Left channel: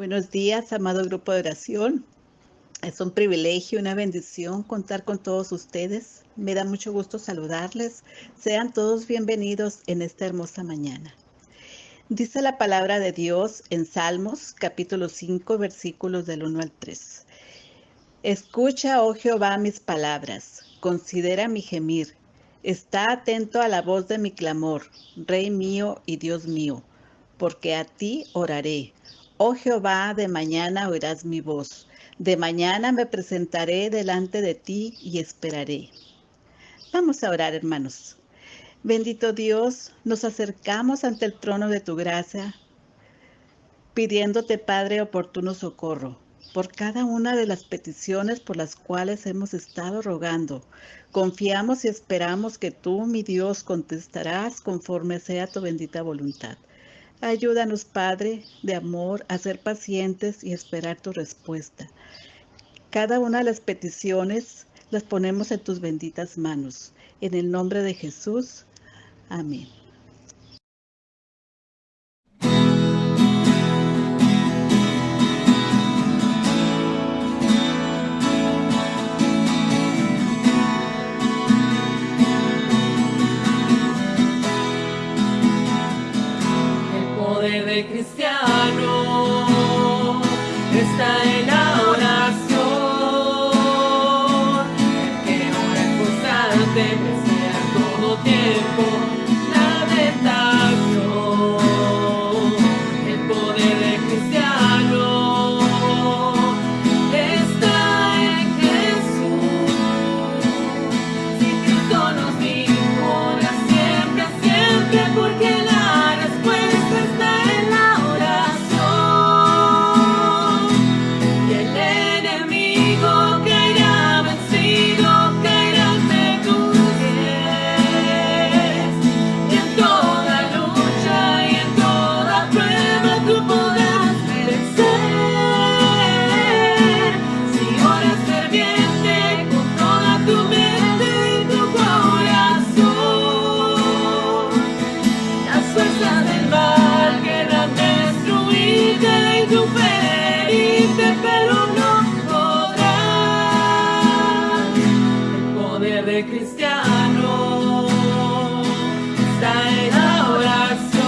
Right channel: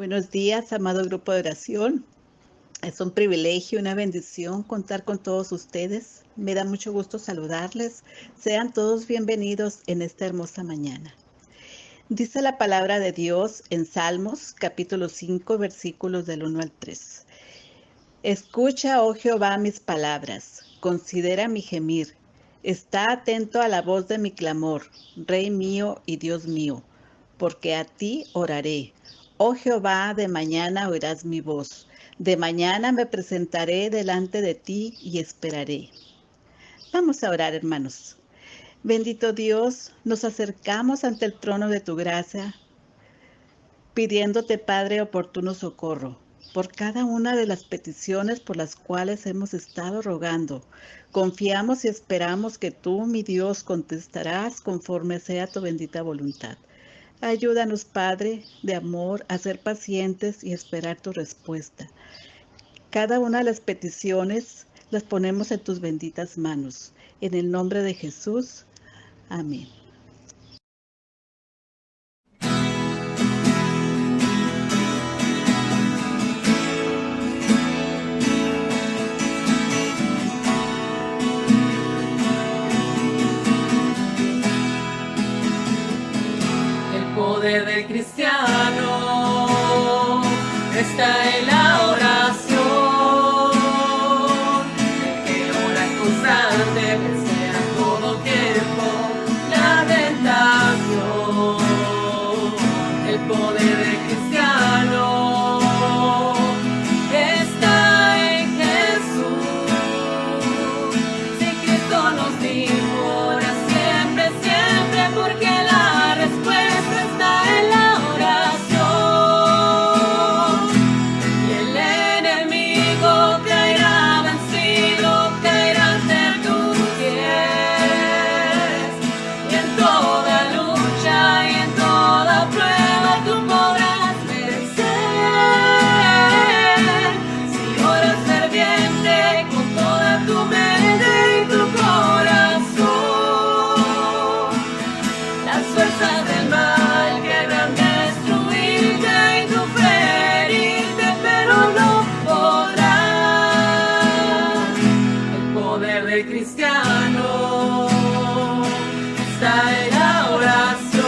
Buenos días, amado grupo de oración. Es un privilegio, una bendición contar con todos ustedes. Me da mucho gusto saludarles. Sean todos bienvenidos en esta hermosa mañana. Dice la palabra de Dios en Salmos, capítulo 5, versículos del 1 al 3. Escucha, oh Jehová, mis palabras, considera mi gemir. Está atento a la voz de mi clamor, Rey mío y Dios mío, porque a ti oraré. Oh Jehová, de mañana oirás mi voz. De mañana me presentaré delante de ti y esperaré. Vamos a orar, hermanos. Bendito Dios, nos acercamos ante el trono de tu gracia, pidiéndote, Padre, oportuno socorro por cada una de las peticiones por las cuales hemos estado rogando. Confiamos y esperamos que tú, mi Dios, contestarás conforme sea tu bendita voluntad. Ayúdanos, Padre, de amor, a ser pacientes y esperar tu respuesta. Cada una de las peticiones las ponemos en tus benditas manos. En el nombre de Jesús. Amén. El poder del cristiano está en la oración. El que ora constante desea todo tiempo la tentación. El poder del cristiano está en Jesús. Si Cristo nos dijo, ora siempre, siempre, porque la respuesta está en la oración. Y el enemigo caerá vencido, caerá ante tus pies. Y en toda lucha y en toda prueba tú podrás vencer. Si oras ferviente con toda tu mente y tu corazón, las fuerzas del mal querrán destruirte y tú ferirte, pero no podrán. El poder del cristiano está en la oración.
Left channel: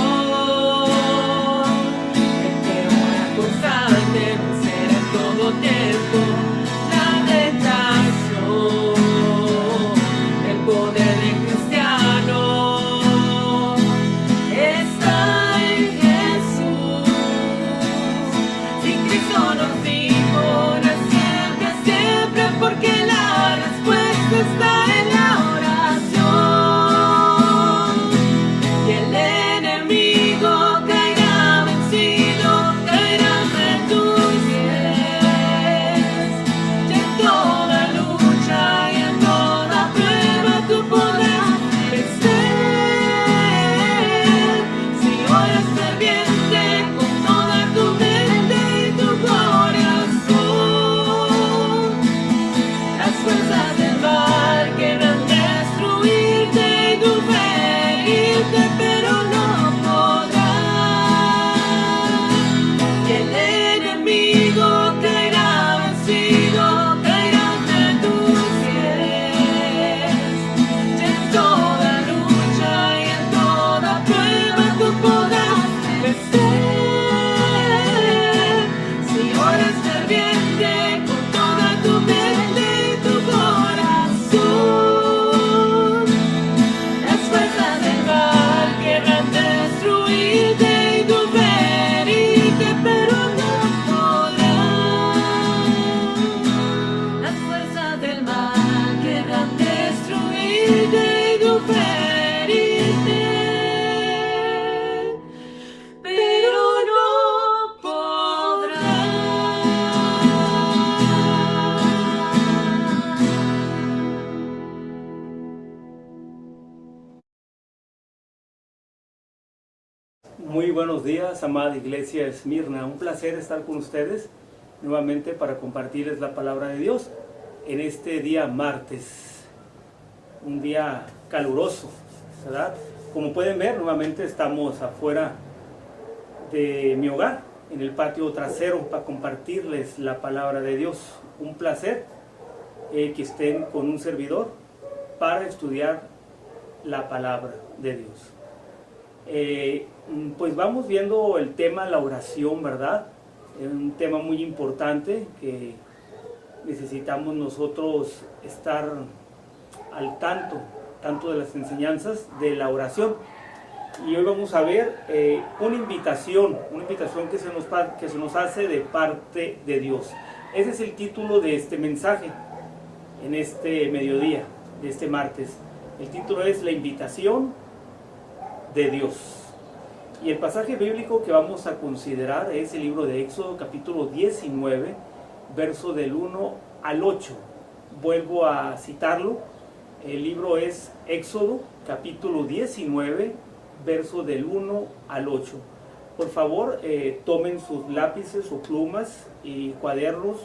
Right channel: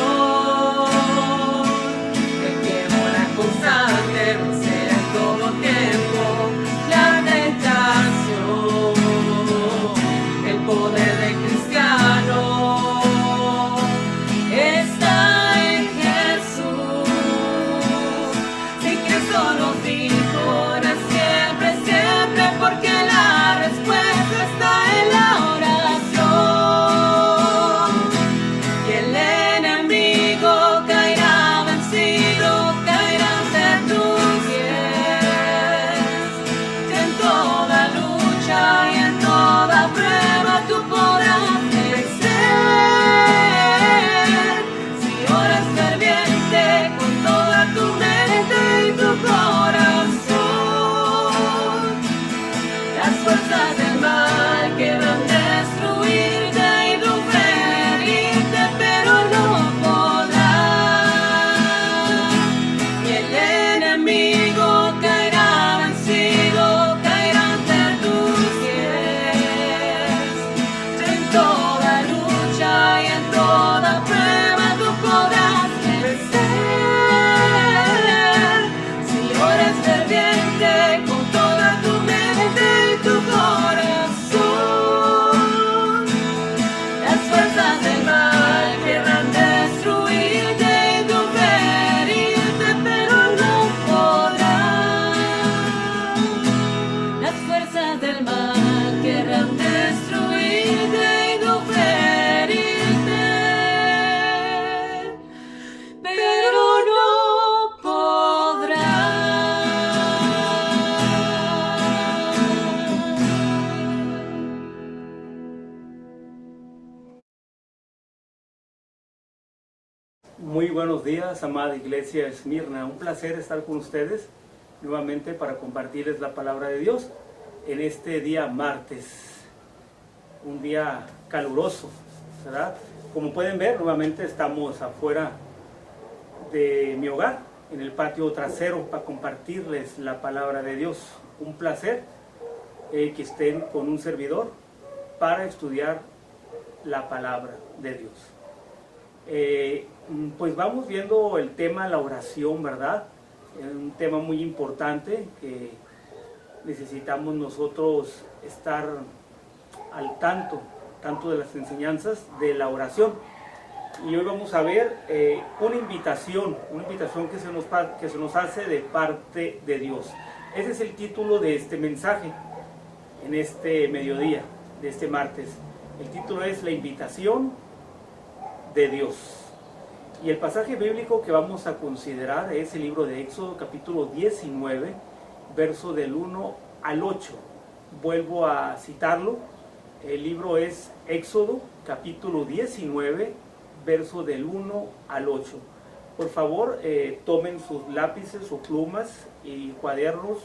El que ora constante desea en todo tiempo la tentación. El poder del cristiano está en Jesús. Si Cristo nos dijo, ora siempre, siempre, porque la respuesta está en la oración. Y el enemigo caerá vencido, caerá ante tus pies. Y en toda lucha y en toda prueba tú podrás vencer. Si oras ferviente con toda tu mente y tu corazón, las fuerzas del mal querrán destruirte y tú ferirte, pero no podrán. Y el enemigo caerá vencido, caerá ante tus pies. Y en toda lucha y en toda prueba tú podrás vencer. Si oras ferviente con toda tu mente y tu corazón, las fuerzas del mal querrán destruirte y tú ferirte, pero no podrán. Las fuerzas del mal querrán destruirte y tú ferirte, pero no podrán. Muy buenos días, amada Iglesia Esmirna. Un placer estar con ustedes nuevamente para compartirles la palabra de Dios en este día martes, un día caluroso, ¿verdad? Como pueden ver, nuevamente estamos afuera de mi hogar, en el patio trasero para compartirles la palabra de Dios. Un placer que estén con un servidor para estudiar la palabra de Dios. Pues vamos viendo el tema, la oración, ¿verdad? Un tema muy importante que necesitamos nosotros estar al tanto de las enseñanzas de la oración. Y hoy vamos a ver una invitación que se nos hace de parte de Dios. Ese es el título de este mensaje en este mediodía, de este martes. El título es La invitación de Dios. Y el pasaje bíblico que vamos a considerar es el libro de Éxodo, capítulo 19, verso del 1 al 8. Vuelvo a citarlo. El libro es Éxodo, capítulo 19, verso del 1 al 8. Por favor, tomen sus lápices o plumas y cuadernos,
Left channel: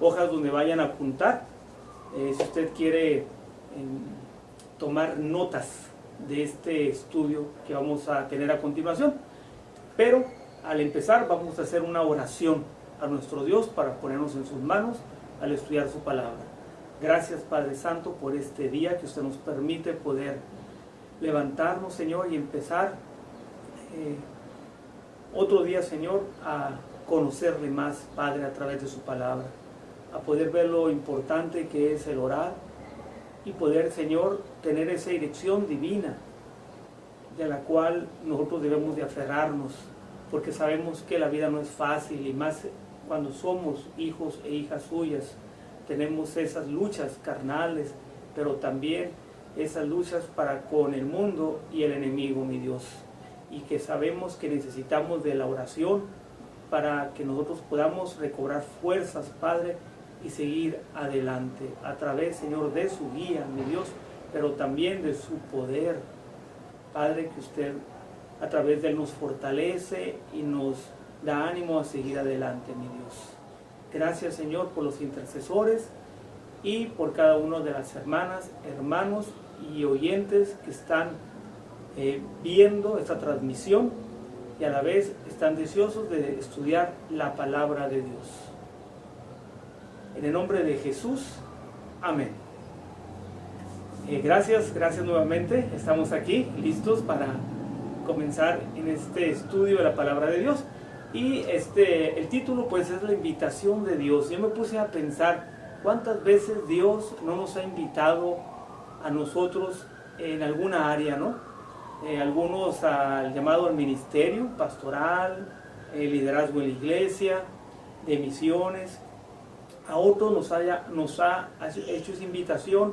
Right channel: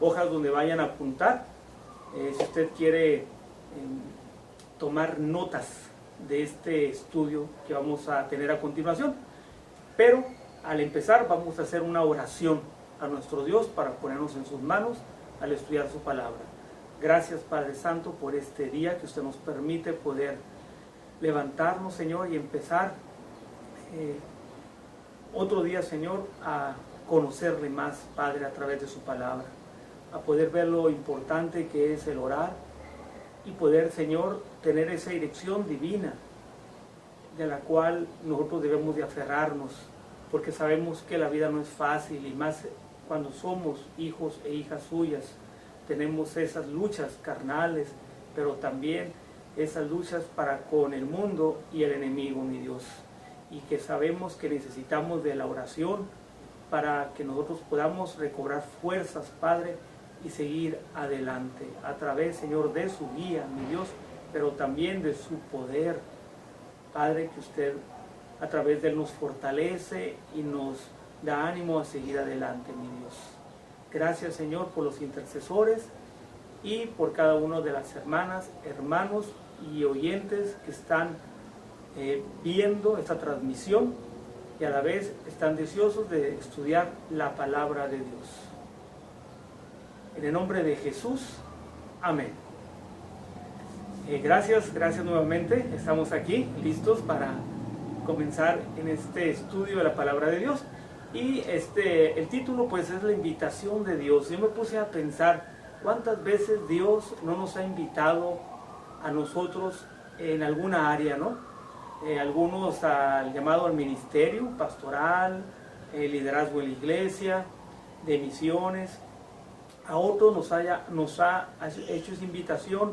hojas donde vayan a apuntar. Si usted quiere tomar notas de este estudio que vamos a tener a continuación. Pero al empezar vamos a hacer una oración a nuestro Dios para ponernos en sus manos al estudiar su palabra. Gracias, Padre Santo, por este día que usted nos permite poder levantarnos, Señor, y empezar otro día, Señor, a conocerle más, Padre, a través de su palabra, a poder ver lo importante que es el orar y poder, Señor, tener esa dirección divina de la cual nosotros debemos de aferrarnos, porque sabemos que la vida no es fácil, y más cuando somos hijos e hijas suyas. Tenemos esas luchas carnales, pero también esas luchas para con el mundo y el enemigo, mi Dios. Y que sabemos que necesitamos de la oración para que nosotros podamos recobrar fuerzas, Padre, y seguir adelante a través, Señor, de su guía, mi Dios, pero también de su poder, Padre, que usted a través de él nos fortalece y nos da ánimo a seguir adelante, mi Dios. Gracias, Señor, por los intercesores y por cada uno de las hermanas, hermanos y oyentes que están viendo esta transmisión y a la vez están deseosos de estudiar la palabra de Dios. En el nombre de Jesús, amén. Gracias nuevamente. Estamos aquí listos para comenzar en este estudio de la palabra de Dios. Y el título pues es la invitación de Dios. Yo me puse a pensar cuántas veces Dios no nos ha invitado a nosotros en alguna área, ¿no? Algunos al llamado al ministerio pastoral, liderazgo en la iglesia, de misiones. A otros nos ha hecho esa invitación,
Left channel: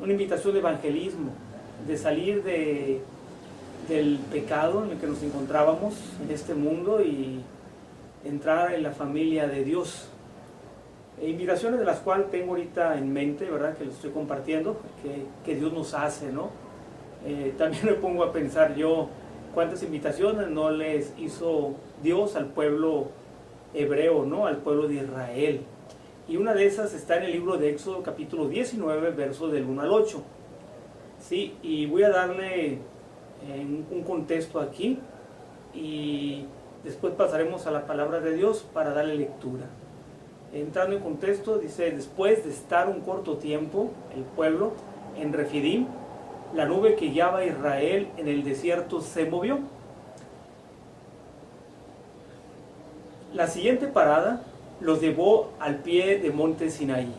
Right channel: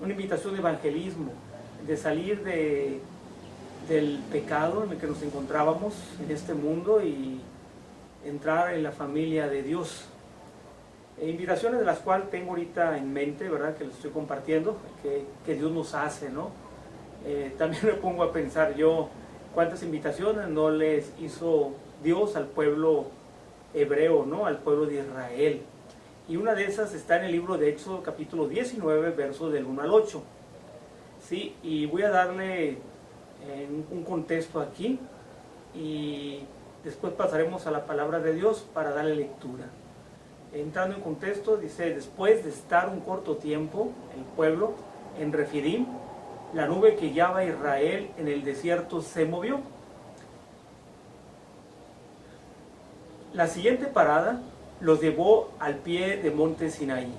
una invitación de evangelismo, de salir del pecado en el que nos encontrábamos en este mundo y entrar en la familia de Dios. Invitaciones de las cuales tengo ahorita en mente, ¿verdad? Que les estoy compartiendo, que Dios nos hace, ¿no? También me pongo a pensar yo cuántas invitaciones no les hizo Dios al pueblo hebreo, ¿no? Al pueblo de Israel. Y una de esas está en el libro de Éxodo, capítulo 19, versos del 1 al 8. Sí, y voy a darle un contexto aquí y después pasaremos a la palabra de Dios para darle lectura. Entrando en contexto, dice: después de estar un corto tiempo el pueblo en Refidim, la nube que guiaba a Israel en el desierto se movió. La siguiente parada los llevó al pie de monte Sinaí,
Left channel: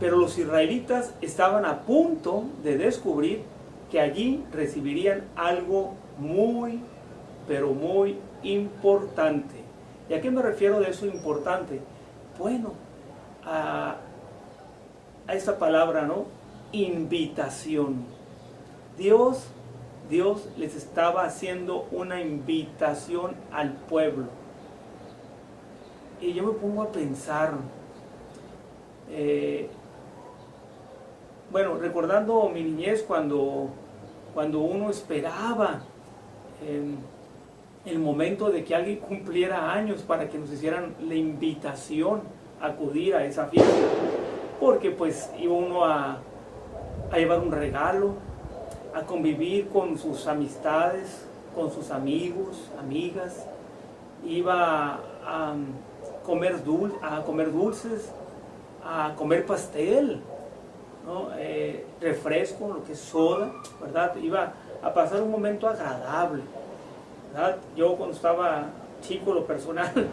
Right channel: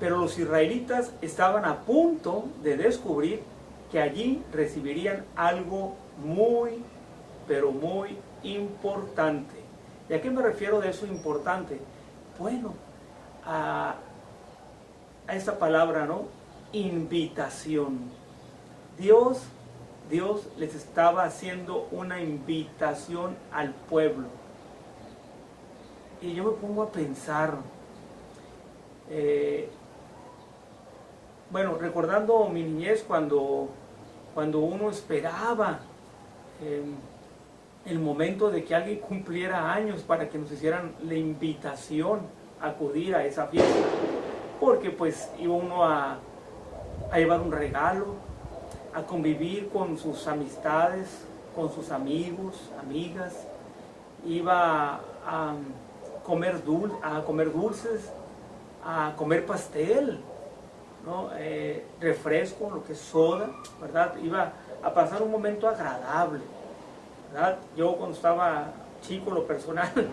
pero los israelitas estaban a punto de descubrir que allí recibirían algo muy, pero muy importante. ¿Y a qué me refiero de eso importante? Bueno, a esa palabra, ¿no? Invitación. Dios les estaba haciendo una invitación al pueblo. Y yo me pongo a pensar, bueno, recordando mi niñez cuando uno esperaba el momento de que alguien cumpliera años para que nos hicieran la invitación a acudir a esa fiesta, porque pues iba uno a llevar un regalo, a convivir con sus amistades, con sus amigos, amigas, iba a comer dulces, a comer pastel, ¿no? Refresco, lo que es soda, ¿verdad? Iba a pasar un momento agradable, ¿verdad? Yo cuando estaba chico, lo personal,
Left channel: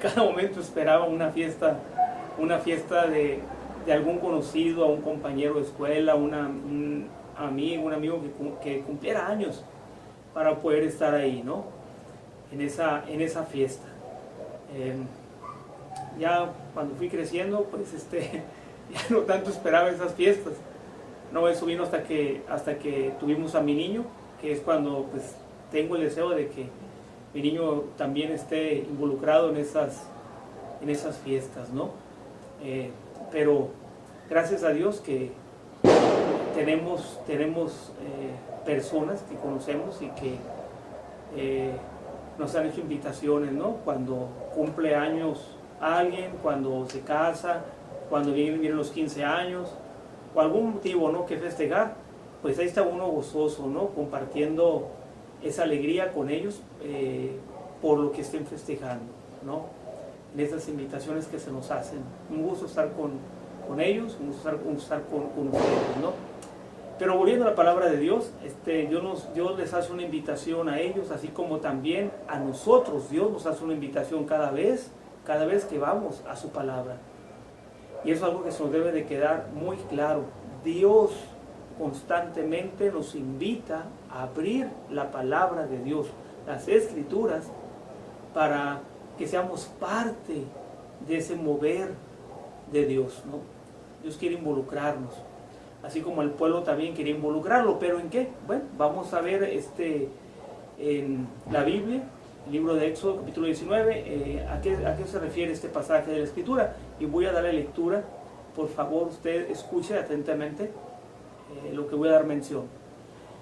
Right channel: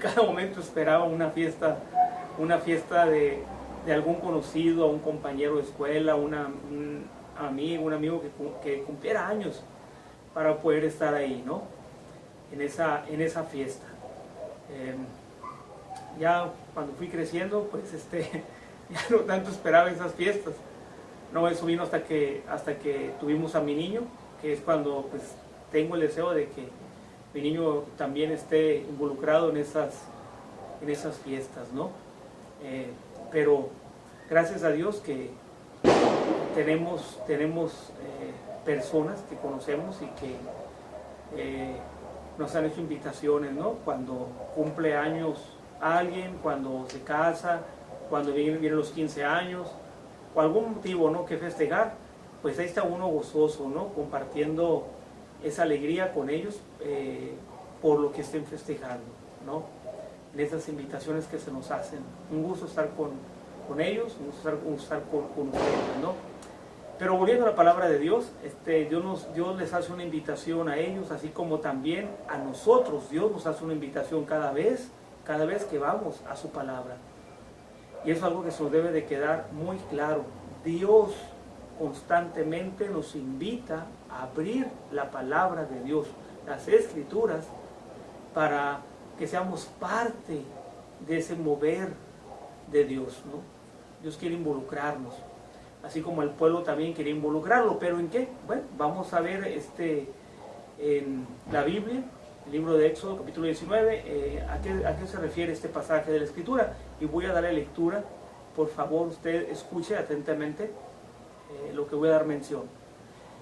cada momento esperaba una fiesta de algún conocido, a un compañero de escuela, un amigo que cumpliera años para poder estar ahí, ¿no? En esa fiesta. Ya cuando fui creciendo, pues ya no tanto esperaba esas fiestas. No, eso vino hasta que tuvimos a mi niño, que es cuando pues tengo el deseo de que mi niño también esté involucrado en esas fiestas, ¿no? Pero gracias a Dios que tenemos personas que conocemos y que nos han hecho invitaciones, ¿no? Cuando cumple años alguien, cuando se casa, cuando vienen los 15 años, o algún motivo, ¿no?, que festejar, pues ahí está uno gozoso, ¿no?, compartiendo esa alegría con ellos por lo que estén festejando, ¿no?, en esas invitaciones que se nos hacen. Un gusto estar con ellos, un gusto estar con ustedes, ¿no? Pero volviendo a la palabra de Dios, Dios les hace una invitación a ellos, así como también a nosotros. Dios nos hace una invitación cada vez que vamos a su palabra. Y eso es algo que se nos debe de quedar muy claro. Dios constantemente nos invita a abrir la palabra de Dios, las Escrituras, para que seamos parte de ese mover de Dios, ¿no? Dios quiere involucrarnos, así como el pueblo también quería involucrarlo. ¿Pero en qué? Bueno, vamos a ver en la Biblia, el libro de Éxodo, capítulo 19, ¿a qué se refiere este pasaje de la Escritura? Y voy a darle lectura. Por favor, usted escuche atentamente lo que voy a dar mención.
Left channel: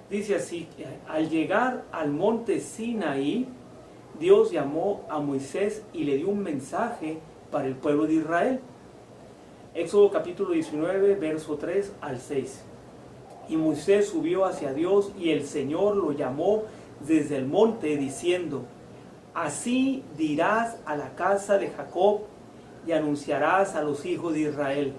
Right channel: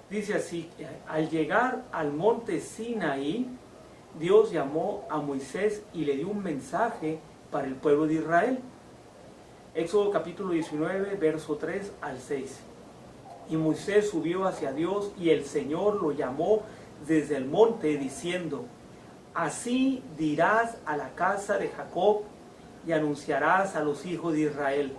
Dice así: al llegar al monte Sinaí, Dios llamó a Moisés y le dio un mensaje para el pueblo de Israel. Éxodo capítulo 19, verso 3 al 6. Y Moisés subió hacia Dios, y el Señor lo llamó desde el monte, diciendo: así dirás a la casa de Jacob y anunciarás a los hijos de Israel:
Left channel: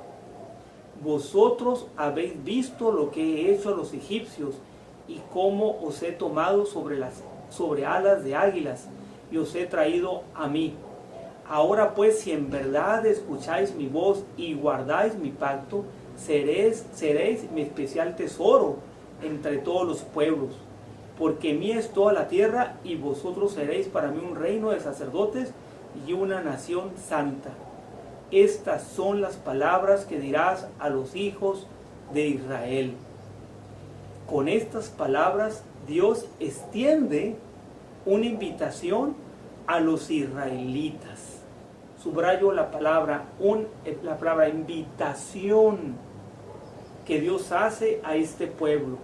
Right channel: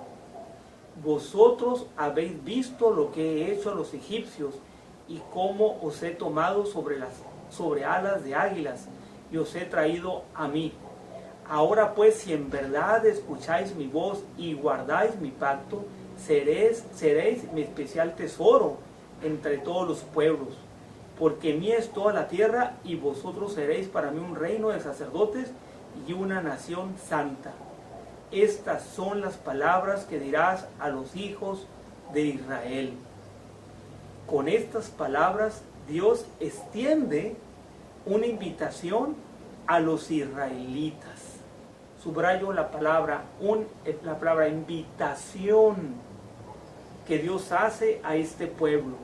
vosotros habéis visto lo que he hecho a los egipcios, y cómo os he tomado sobre alas de águilas, y os he traído a mí. Ahora pues, si en verdad escucháis mi voz y guardáis mi pacto, seréis mi especial tesoro entre todos los pueblos, porque mía es toda la tierra, y vosotros seréis para mí un reino de sacerdotes y una nación santa. Estas son las palabras que dirás a los hijos de Israel. Con estas palabras Dios extiende una invitación a los israelitas. Subrayo la palabra invitación que Dios hace a este pueblo.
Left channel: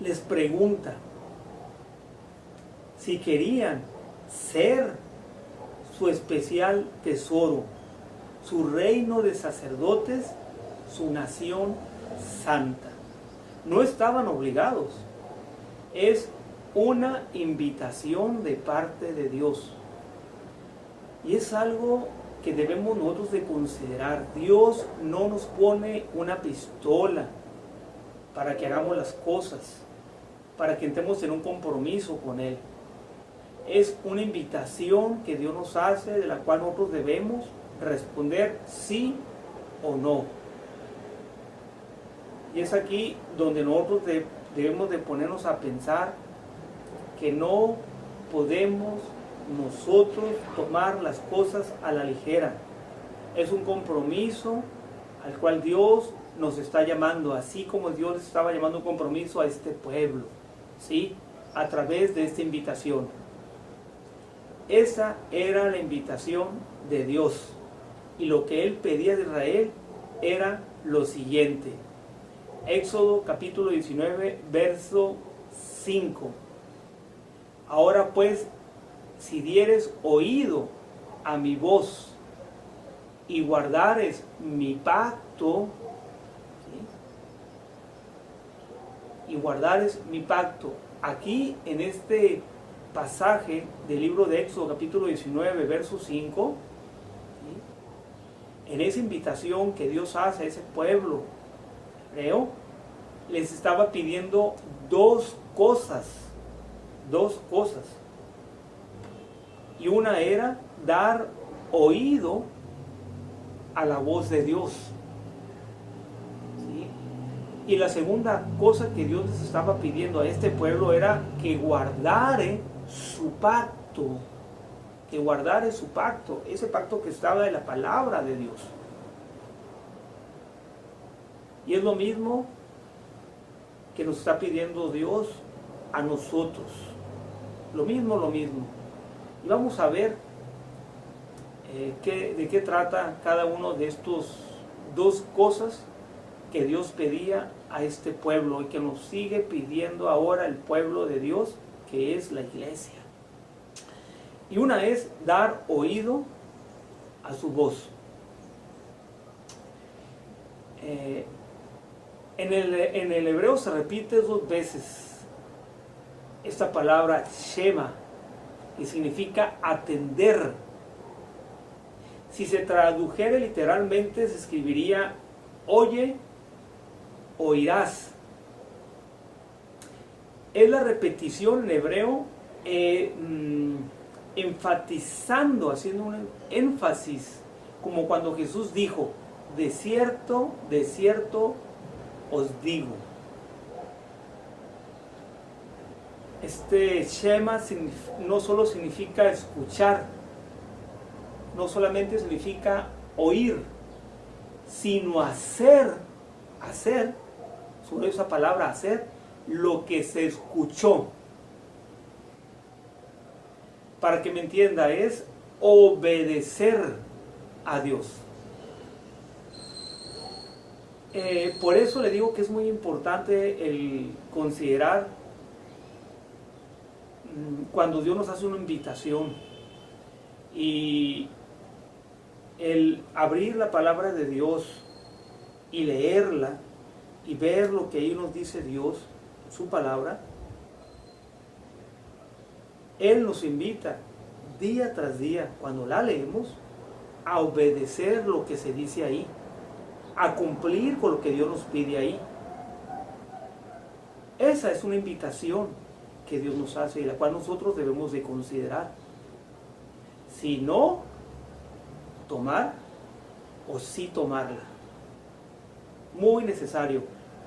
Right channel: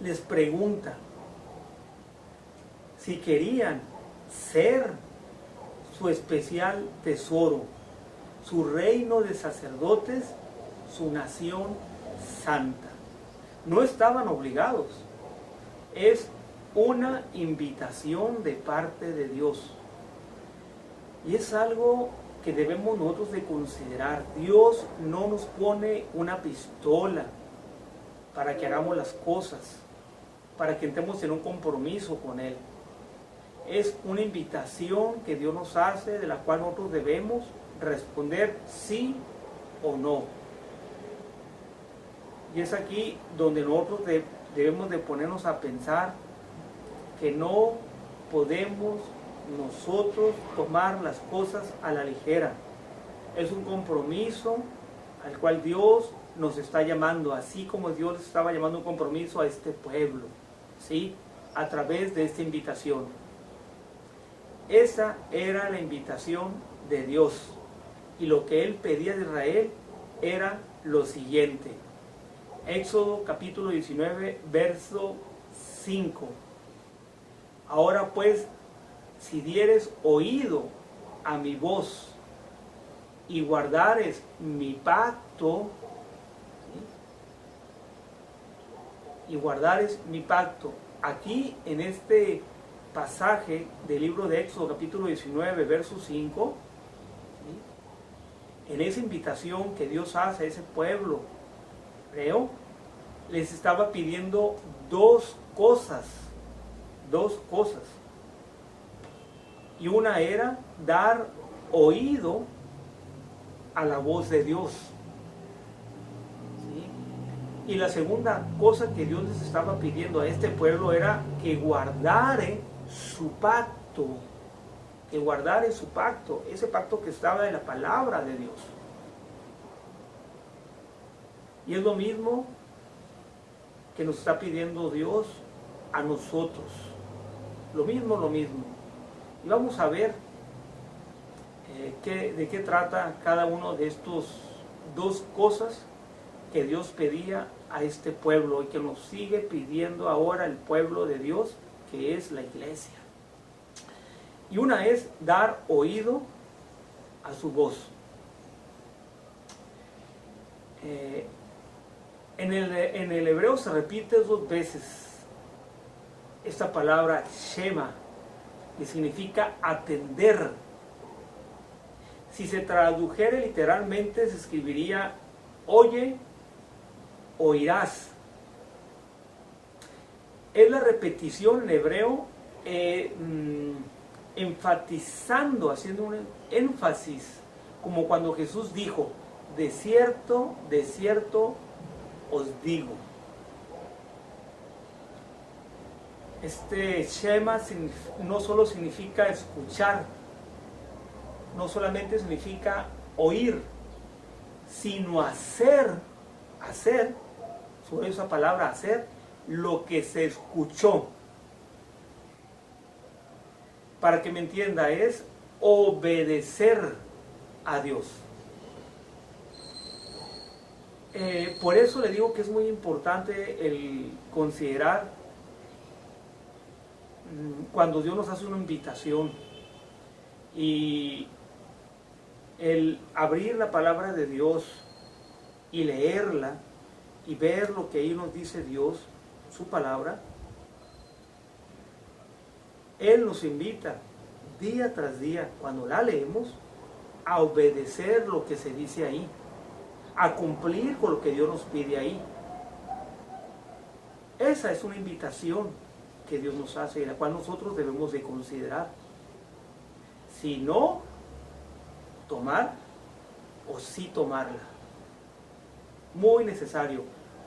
Les pregunta si querían ser su especial tesoro, su reino de sacerdotes, su nación santa. No estaban obligados. Es una invitación de parte de Dios. Y es algo que debemos nosotros de considerar. Dios no nos pone una pistola para que hagamos las cosas, para que entremos en un compromiso con Él. Es una invitación que Dios nos hace, de la cual nosotros debemos responder sí o no. Y es aquí donde nosotros debemos de ponernos a pensar que no podemos nosotros tomar las cosas a la ligera. Es un compromiso al cual Dios nos está llamando, así como Dios estaba llamando un compromiso a este pueblo, ¿sí?, a través de esta invitación. Esa era la invitación de Dios, y lo que Él pedía de Israel era lo siguiente. Éxodo capítulo 19, verso 5. Ahora pues, si dieres oído a mi voz y guardares mi pacto, ¿sí?, y guardares mi pacto. Aquí en este pasaje del libro de Éxodo, capítulo 19, verso 5, ¿sí? En esa invitación que Dios hace a ese pueblo hebreo, les estaba pidiendo dos cosas. Y una era dar oído a la voz de Dios. ¿Sí? Y la segunda cosa que Dios les estaba pidiendo a este pueblo era que guardare su pacto. Que guardare su pacto. Ese pacto que estaba en la palabra de Dios. Y es lo mismo que nos está pidiendo Dios a nosotros. Lo mismo. Y vamos a ver de qué trata cada uno de estos dos cosas que Dios pedía a este pueblo y que nos sigue pidiendo ahora el pueblo de Dios, que es la iglesia. Y una es dar oído a su voz. En el hebreo se repite 2 veces esta palabra Shema, que significa atender. Si se tradujera literalmente, se escribiría oye, oirás. Es la repetición en hebreo enfatizando, haciendo un énfasis, como cuando Jesús dijo, de cierto os digo. Este Shema no solo significa escuchar, no solamente significa oír, sino hacer, sobre esa palabra hacer, lo que se escuchó. Para que me entienda, es obedecer a Dios. Por eso le digo que es muy importante el considerar cuando Dios nos hace una invitación y el abrir la palabra de Dios y leerla y ver lo que ahí nos dice Dios, su palabra. Él nos invita día tras día, cuando la leemos, a obedecer lo que se dice ahí, a cumplir con lo que Dios nos pide ahí. Esa es una invitación que Dios nos hace y la cual nosotros debemos de considerar. Si no tomar o sí tomarla. Muy necesario.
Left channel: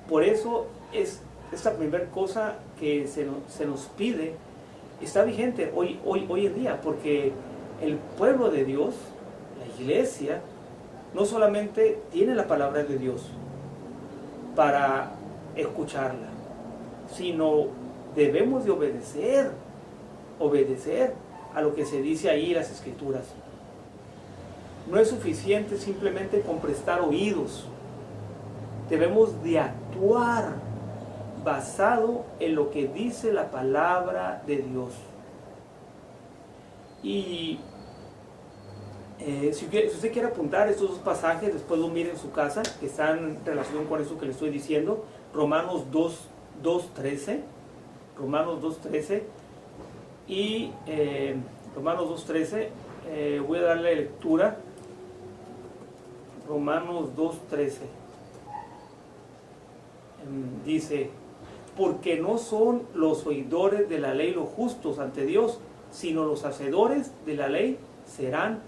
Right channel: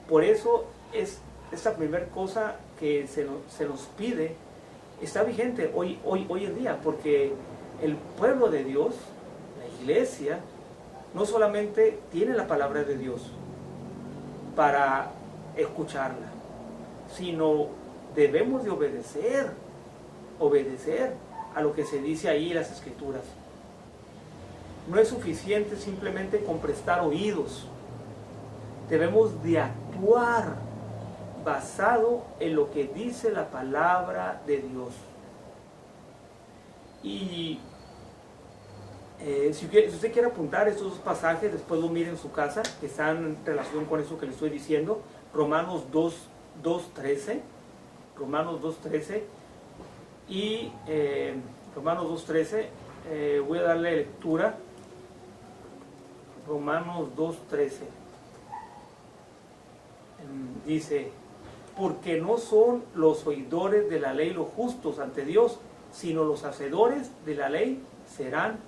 Por eso es esta primera cosa que se nos pide, está vigente hoy en día, porque el pueblo de Dios, la iglesia, no solamente tiene la palabra de Dios para escucharla, sino debemos de obedecer a lo que se dice ahí en las Escrituras. No es suficiente simplemente con prestar oídos, debemos de actuar basado en lo que dice la palabra de Dios. Y si usted quiere apuntar estos dos pasajes, después lo mire en su casa, que están en relación con eso que le estoy diciendo. Romanos 2:13. Romanos 2:13. Y Romanos 2:13. Voy a darle lectura. Romanos 2:13. Dice: porque no son los oidores de la ley los justos ante Dios, sino los hacedores de la ley serán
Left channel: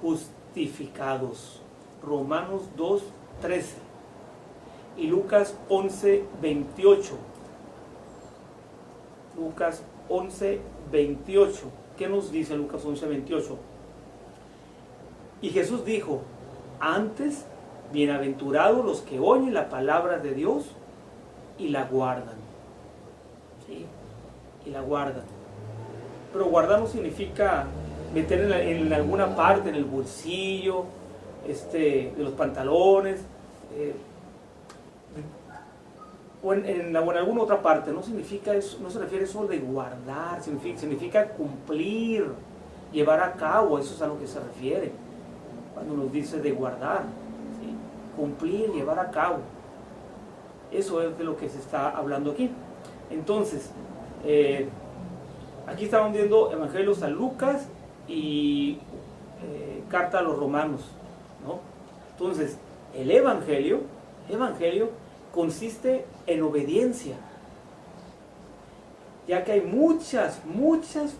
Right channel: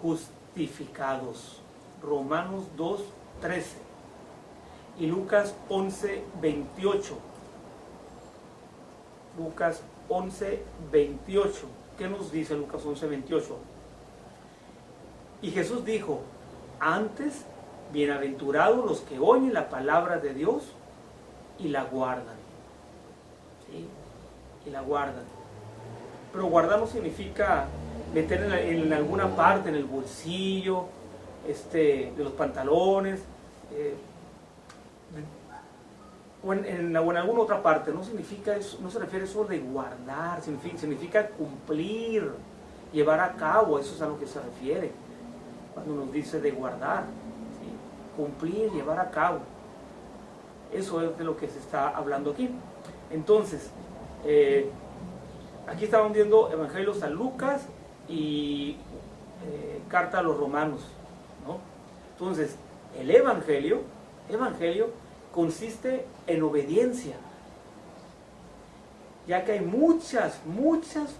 justificados. Romanos 2:13. Y Lucas 11:28. Lucas 11:28. ¿Qué nos dice Lucas 11:28? Y Jesús dijo: antes, bienaventurados los que oyen la palabra de Dios y la guardan. ¿Sí? Y la guardan. Pero guardar no significa meter en alguna parte, en el bolsillo, de los pantalones, o en alguna otra parte. No significa eso, no se refiere a eso de guardar, significa cumplir, llevar a cabo. Eso es a lo que se refiere cuando nos dice de guardar, ¿sí? Cumplir, llevar a cabo. Eso es de lo que se está hablando aquí. Entonces, Aquí estamos viendo Evangelio de San Lucas y carta a los romanos, ¿no? Entonces, el evangelio consiste en obediencia, ya que hay muchas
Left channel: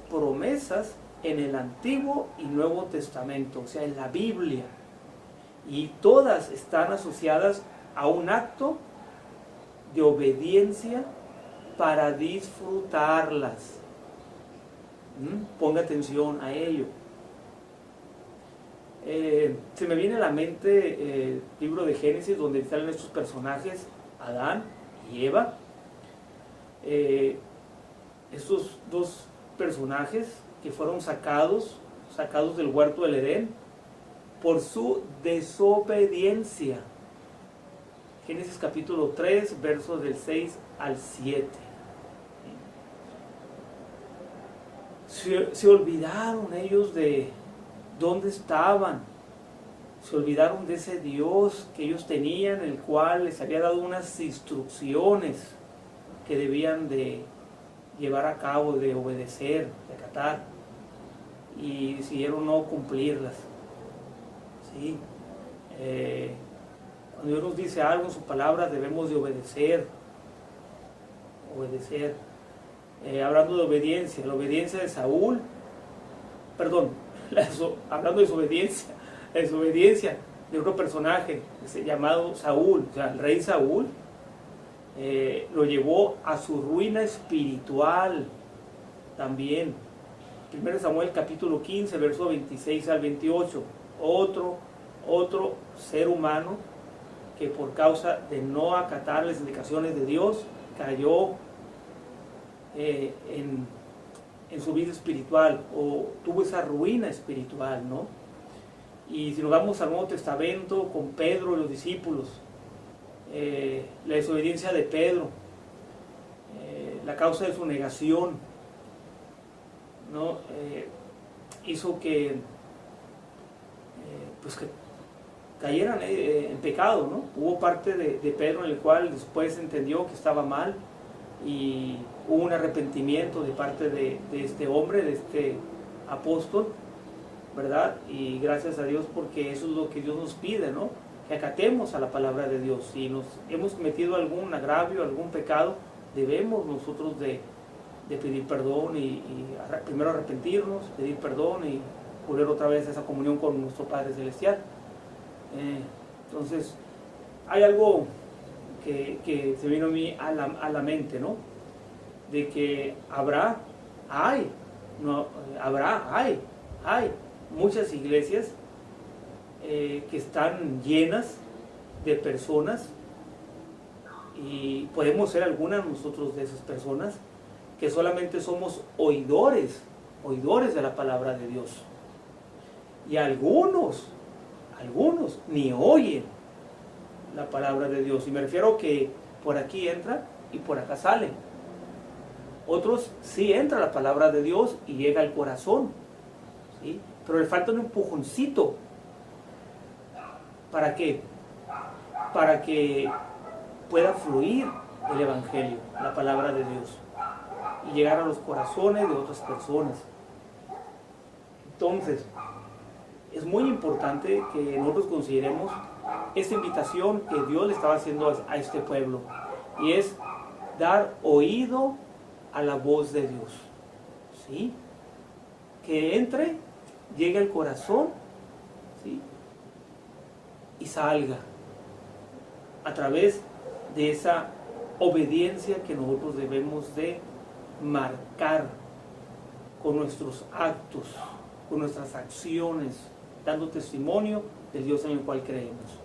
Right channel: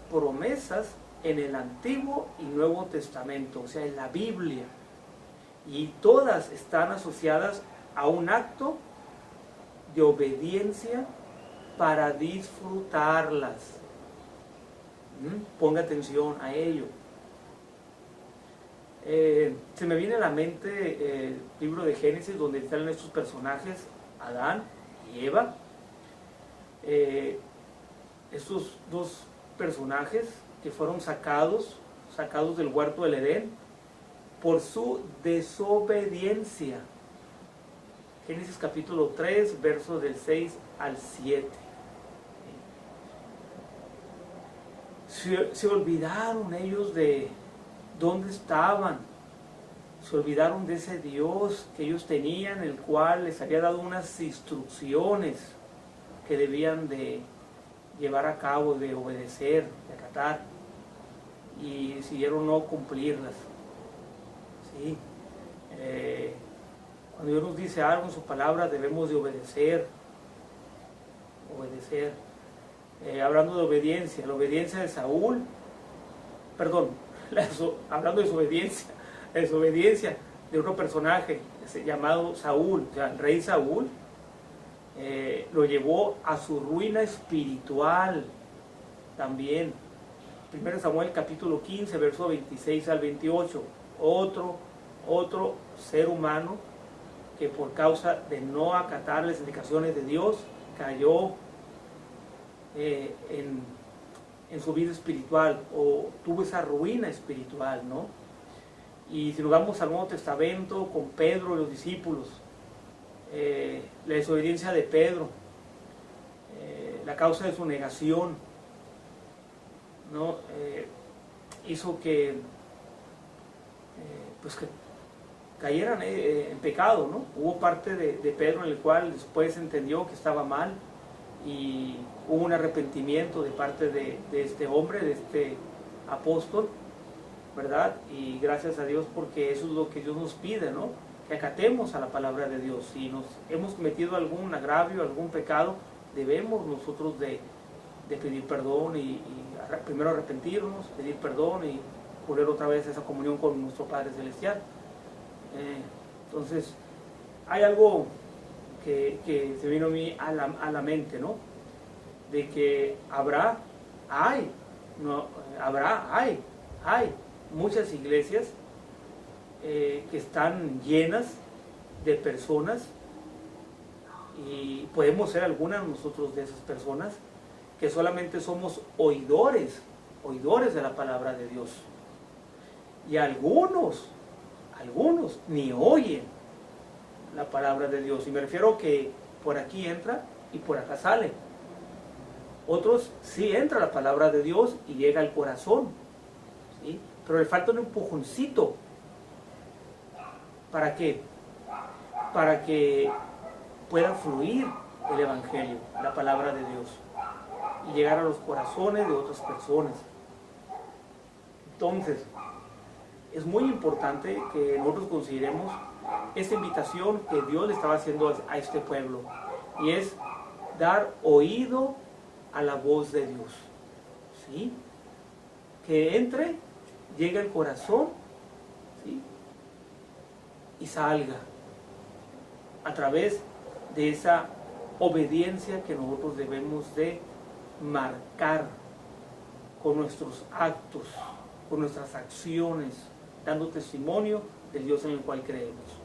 promesas en el Antiguo y Nuevo Testamento, o sea, en la Biblia, y todas están asociadas a un acto de obediencia para disfrutarlas. Ponga atención a ello. Se me viene a la mente el libro de Génesis, donde salen estos personajes, Adán y Eva. Estos dos personajes que fueron sacados del huerto del Edén por su desobediencia. Génesis capítulo 3, versos del 6 al 7. Se olvidaron ellos de dónde estaban. Se olvidaron de ese Dios que ellos tenían, el cual les había dado unas instrucciones que debían de llevar a cabo, de obedecer, de acatar, y decidieron no cumplirlas. ¿Sí? Cuando Dios nos dice algo en sus palabras, debemos de obedecer. Hablando de obediencia, la obediencia de Saúl, hablando de la desobediencia de otro personaje llamado Saúl, o sea, el rey Saúl, lo llevó a su ruina espiritual también. 1 Samuel capítulo 15, verso 26 al 28, otro ser humano que por causa de no acatar las indicaciones de Dios cayó en su vida espiritual, o tuvo esa ruina espiritual, ¿no? Y si nos vamos al Nuevo Testamento con Pedro y los discípulos, la desobediencia de Pedro, la causa de su negación, ¿no? Hizo que que cayeran en pecado, ¿no? Hubo parte de Pedro en el cual después entendió que estaba mal, y hubo un arrepentimiento de parte de este hombre, de este apóstol, ¿verdad? Y gracias a Dios, porque eso es lo que Dios nos pide, ¿no? Que acatemos a la palabra de Dios. Si nos hemos metido algún agravio, algún pecado, debemos nosotros de pedir perdón y primero arrepentirnos, pedir perdón y volver otra vez a esa comunión con nuestro Padre Celestial. Entonces, hay algo que se vino a mí a la mente, ¿no? De que hay muchas iglesias que están llenas de personas, y podemos ser algunas nosotros de esas personas que solamente somos oidores de la palabra de Dios, y algunos ni oyen la palabra de Dios, y me refiero que por aquí entra y por acá sale. Otros sí entra la palabra de Dios y llega al corazón, ¿sí? Pero le falta un empujoncito. ¿Para qué? Para que pueda fluir el evangelio, la palabra de Dios, y llegar a los corazones de otras personas. Entonces, es muy importante que nosotros consideremos esta invitación que Dios le estaba haciendo a este pueblo, y es dar oído a la voz de Dios, ¿sí? Que entre, llegue al corazón, ¿sí? Y salga a través de esa obediencia que nosotros debemos de marcar con nuestros actos, con nuestras acciones, dando testimonio del Dios en el cual creemos.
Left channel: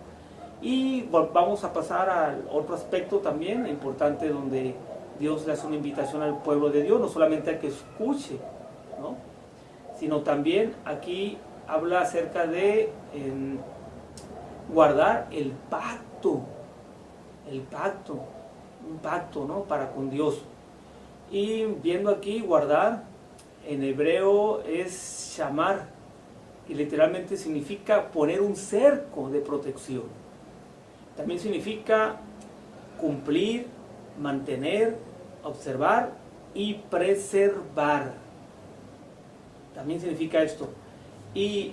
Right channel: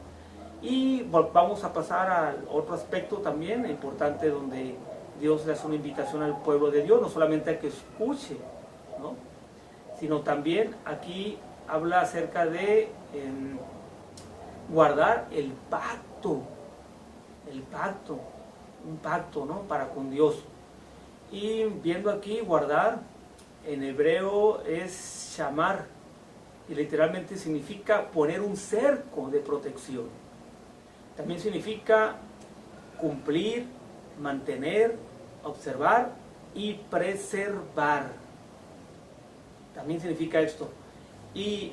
Y vamos a pasar al otro aspecto también importante, donde Dios le hace una invitación al pueblo de Dios, no solamente a que escuche, ¿no? Sino también aquí habla acerca de guardar el pacto, un pacto, ¿no? Para con Dios. Y viendo aquí, guardar, en hebreo es shamar, y literalmente significa poner un cerco de protección. También significa cumplir, mantener, observar y preservar. También significa esto. Y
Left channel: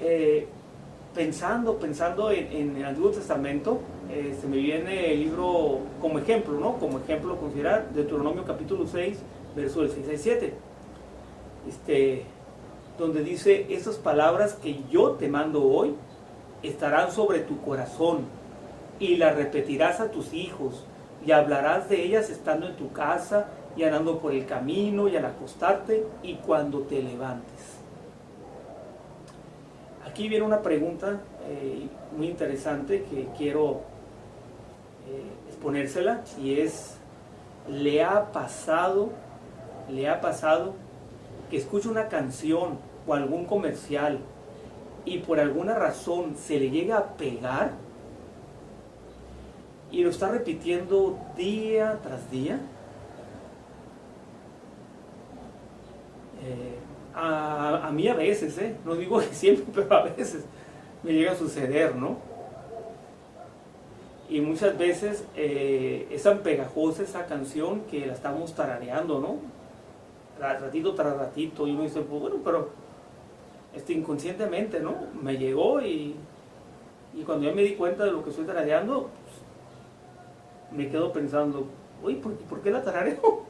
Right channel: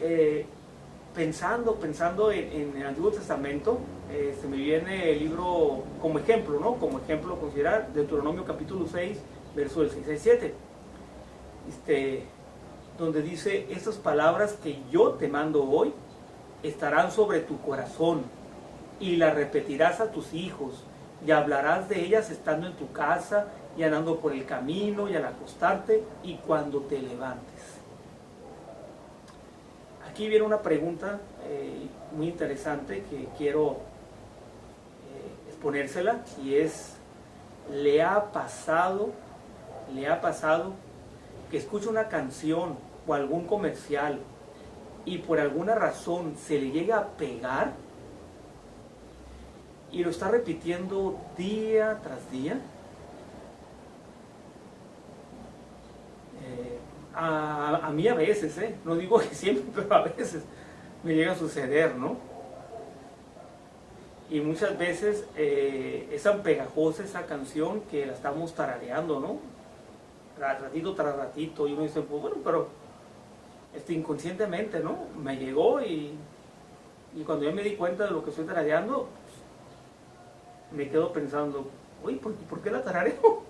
pensando en el Antiguo Testamento, se me viene el libro como ejemplo, ¿no? Como ejemplo considerar Deuteronomio capítulo 6, verso del 6 al 7. Donde dice: estas palabras que yo te mando hoy estarán sobre tu corazón, y las repetirás a tus hijos, y hablarás de ellas estando en tu casa, y andando por el camino, y al acostarte, y cuando te levantes. Aquí viene una pregunta muy interesante que quiero exponérsela, y es: ¿le ha pasado que escucha una canción o algún comercial y por alguna razón se le llega a pegar y lo está repitiendo día tras día? A mí a veces, no digo que siempre, pero a veces me llega a suceder, ¿no? Y muchas veces es tan pegajosa esa canción que la estamos tarareando, ¿no? Ratito tras ratito, y uno dice, pues bueno, pero inconscientemente, ¿no? Me llegó, y cuando yo me di cuenta de lo que estoy tarareando, pues, me quedo pensando, oye, ¿por qué la tarareo?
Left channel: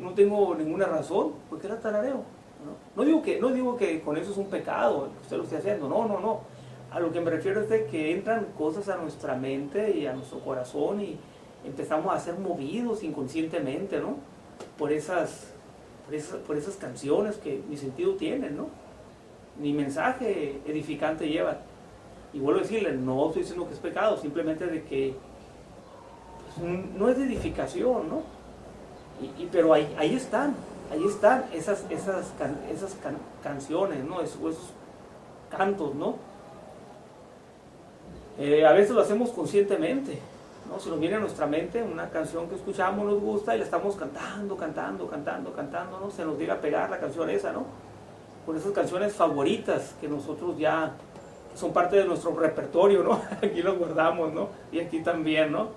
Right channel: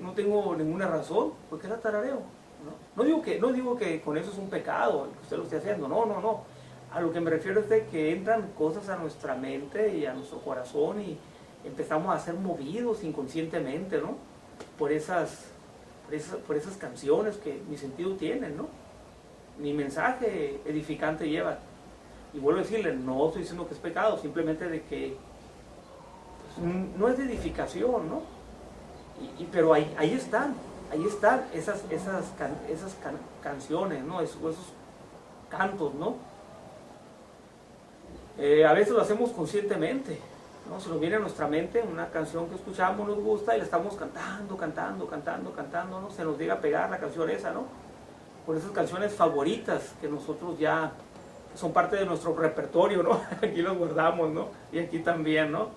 No tengo ninguna razón, ¿por qué la tarareo? No digo que con eso es un pecado, que usted lo esté haciendo, no. A lo que me refiero es de que entran cosas a nuestra mente y a nuestro corazón, y empezamos a ser movidos inconscientemente, ¿no? Por esas canciones que mi sentido tienen, ¿no? Mi mensaje edificante lleva. Y vuelvo a decirle, no estoy diciendo que es pecado, simplemente de que pues, no es de edificación, ¿no? Pero ahí están esas canciones, ¿no? Esos cantos, ¿no? A veces lo hacemos conscientemente, ¿no? Se nos viene a nuestra mente una canción que escuchamos, nos gusta, y la estamos cantando, ¿no? Se nos llega a pegar la canción esa, ¿no? Por esas canciones favoritas que nosotros ya son parte de nuestro repertorio, ¿no? Aquí los guardamos, ¿no? Y aquí también, ¿no?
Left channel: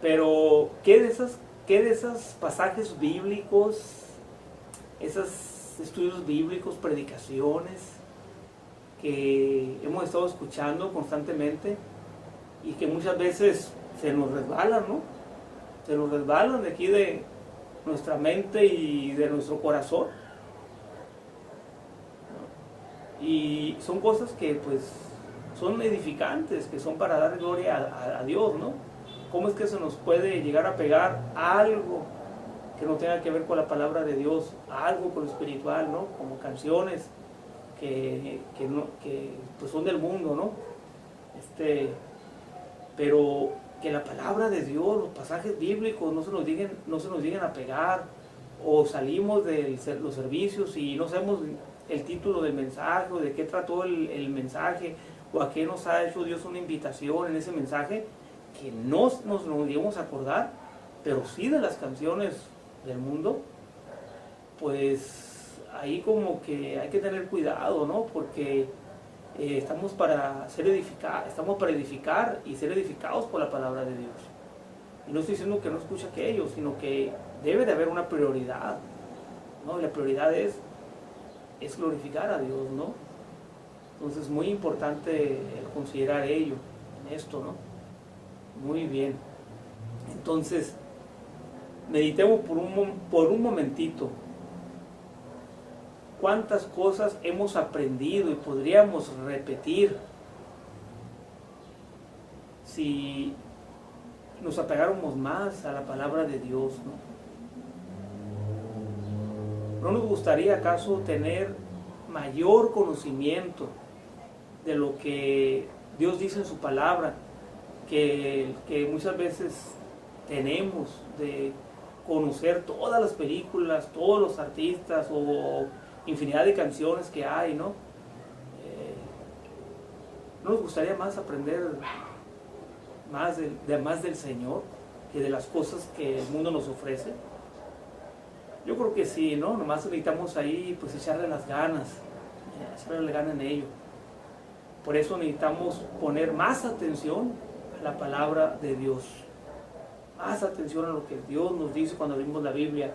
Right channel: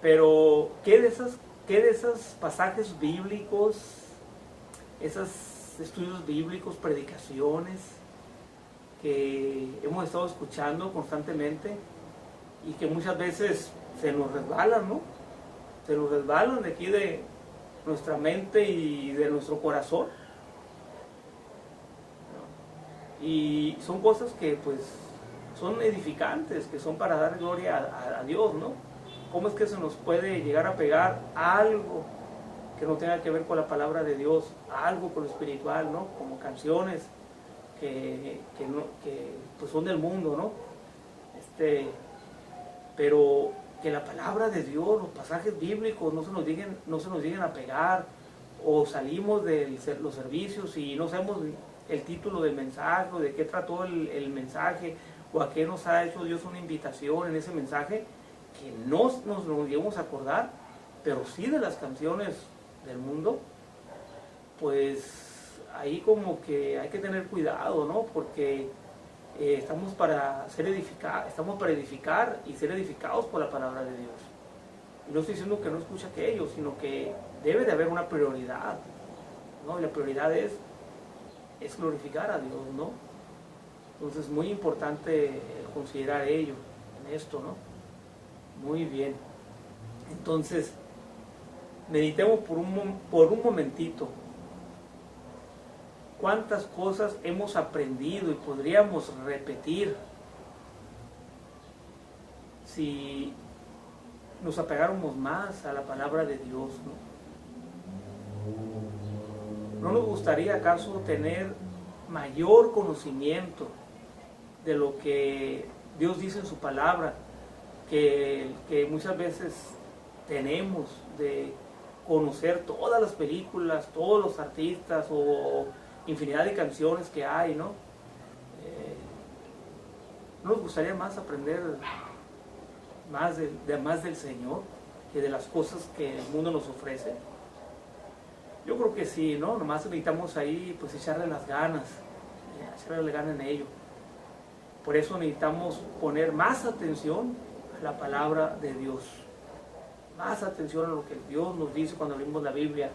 Pero, ¿qué de esos pasajes bíblicos, esos estudios bíblicos, predicaciones que hemos estado escuchando constantemente y que muchas veces se nos resbalan, ¿no? Se nos resbalan de aquí de nuestra mente y de nuestro corazón, ¿no? Y son cosas que pues son edificantes, que son para dar gloria a Dios, ¿no? ¿Cómo es que se nos puede llegar a pegar algo que no tenga que ver con la palabra de Dios, algo con lo espiritual, ¿no? Como canciones que pues son del mundo, ¿no? Pero que la palabra de Dios, los pasajes bíblicos no se nos lleguen a pegar, o salimos de los servicios y no sabemos el título del mensaje, o de qué trató el mensaje, o a qué nos ha hecho Dios una invitación en ese mensaje, que no nos lleguemos a acordar, pero sí de las canciones del mundo. Pues ahí como que hay que tener cuidado, ¿no? Porque estamos para edificar y ser edificados por la palabra de Dios. Y no estoy diciendo que no escuche aquello, sino que debe de haber una prioridad, ¿no? Y la prioridad es glorificar a Dios, ¿no? Entonces es muy importante considerar ello en esto, ¿no? Muy bien. Entonces, meditemos por un momentito. ¿Cuántas cosas hemos aprendido y podríamos repetir si nos apegáramos más a la palabra de Dios, ¿no? ¿No nos gustaría acaso tener mayor conocimiento de lo que Dios dice en su palabra, que muchas veces tenemos, de conocer todas las películas, todos los artistas o infinidad de canciones que hay, ¿no? ¿No nos gustaría más aprender más del Señor que de las cosas que el mundo nos ofrece? Yo creo que sí, ¿no? Nomás necesitamos ahí pues echarle las ganas en ello. Por eso necesitamos poner más atención a la palabra de Dios, más atención a lo que Dios nos dice cuando abrimos la Biblia,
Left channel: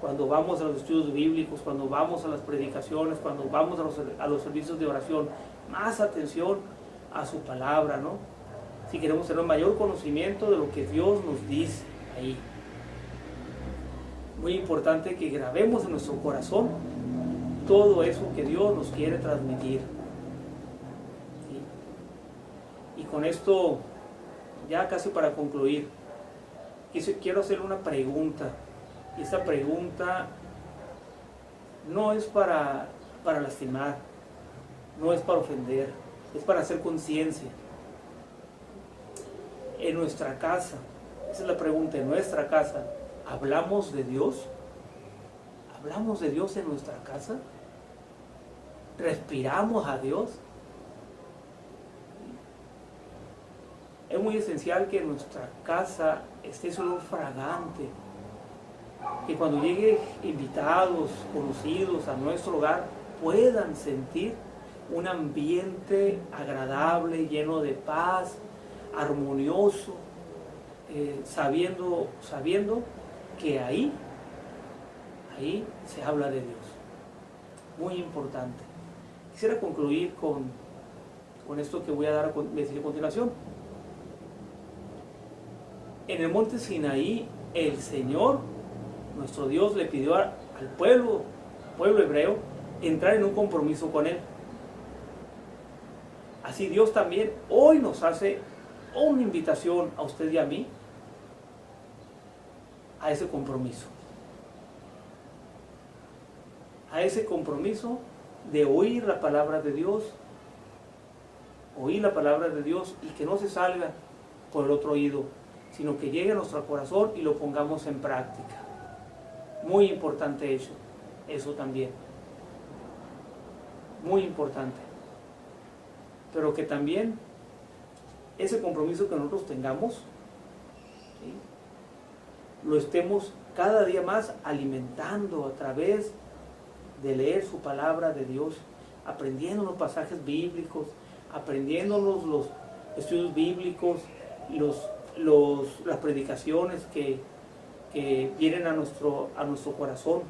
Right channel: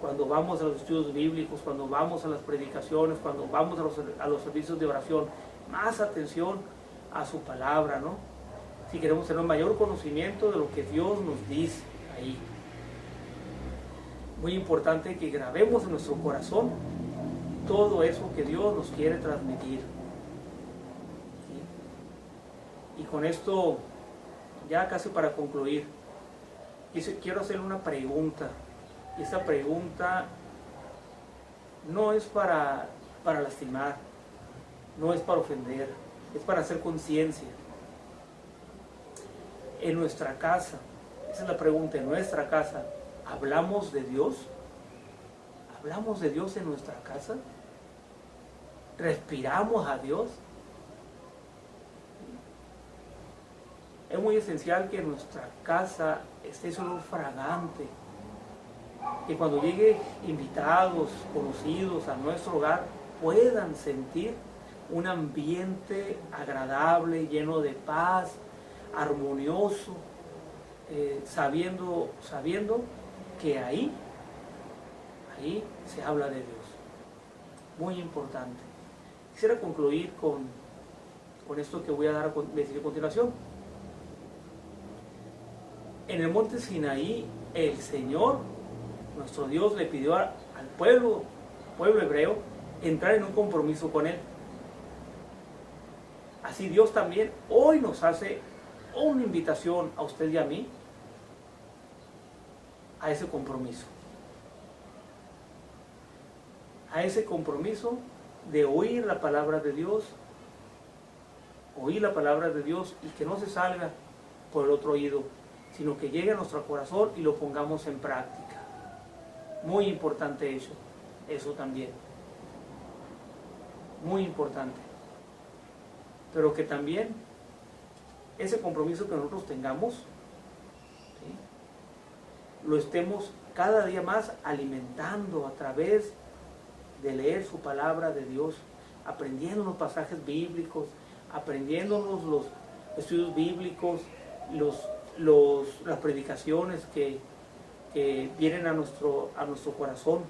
cuando vamos a los estudios bíblicos, cuando vamos a las predicaciones, cuando vamos a los servicios de oración, más atención a su palabra, ¿no? Si queremos tener mayor conocimiento de lo que Dios nos dice ahí. Muy importante que grabemos en nuestro corazón todo eso que Dios nos quiere transmitir. ¿Sí? Y con esto, ya casi para concluir, quiero hacerle una pregunta. Y esta pregunta no es para lastimar, no es para ofender, es para hacer conciencia. En nuestra casa, esa es la pregunta, en nuestra casa, ¿hablamos de Dios? ¿Hablamos de Dios en nuestra casa? ¿Respiramos a Dios? Es muy esencial que en nuestra casa esté ese olor fragante, que cuando lleguen invitados, conocidos a nuestro hogar, puedan sentir un ambiente agradable, lleno de paz, armonioso, sabiendo que ahí se habla de Dios. Muy importante. Quisiera concluir con esto que voy a decir a continuación. En el monte Sinaí, el Señor, nuestro Dios, le pidió al pueblo hebreo entrar en un compromiso con Él. Así Dios también hoy nos hace una invitación a usted y a mí a ese compromiso. A ese compromiso de oír la palabra de Dios, y que no se salga por el otro oído, sino que llegue a nuestro corazón y lo pongamos en práctica. Muy importante eso también. Muy importante. Pero que también ese compromiso que nosotros tengamos, ¿sí?, lo estemos cada día más alimentando a través de leer su palabra de Dios, aprendiendo los pasajes bíblicos, aprendiéndonos los estudios bíblicos, las predicaciones que vienen a nuestro corazón,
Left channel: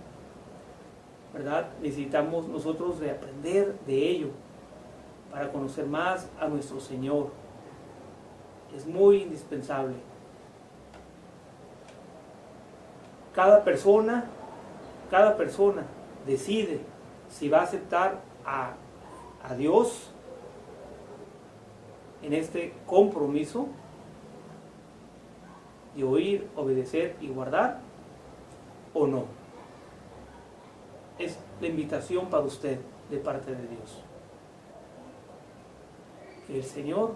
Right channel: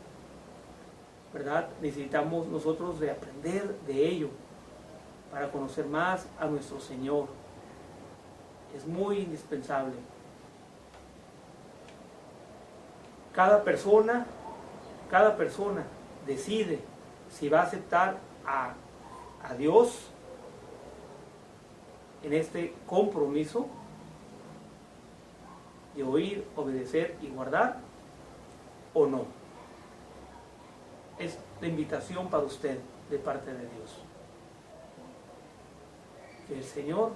¿verdad? Necesitamos nosotros de aprender de ello para conocer más a nuestro Señor. Es muy indispensable. Cada persona decide si va a aceptar a Dios en este compromiso de oír, obedecer y guardar, o no. Es la invitación para usted de parte de Dios. Que el Señor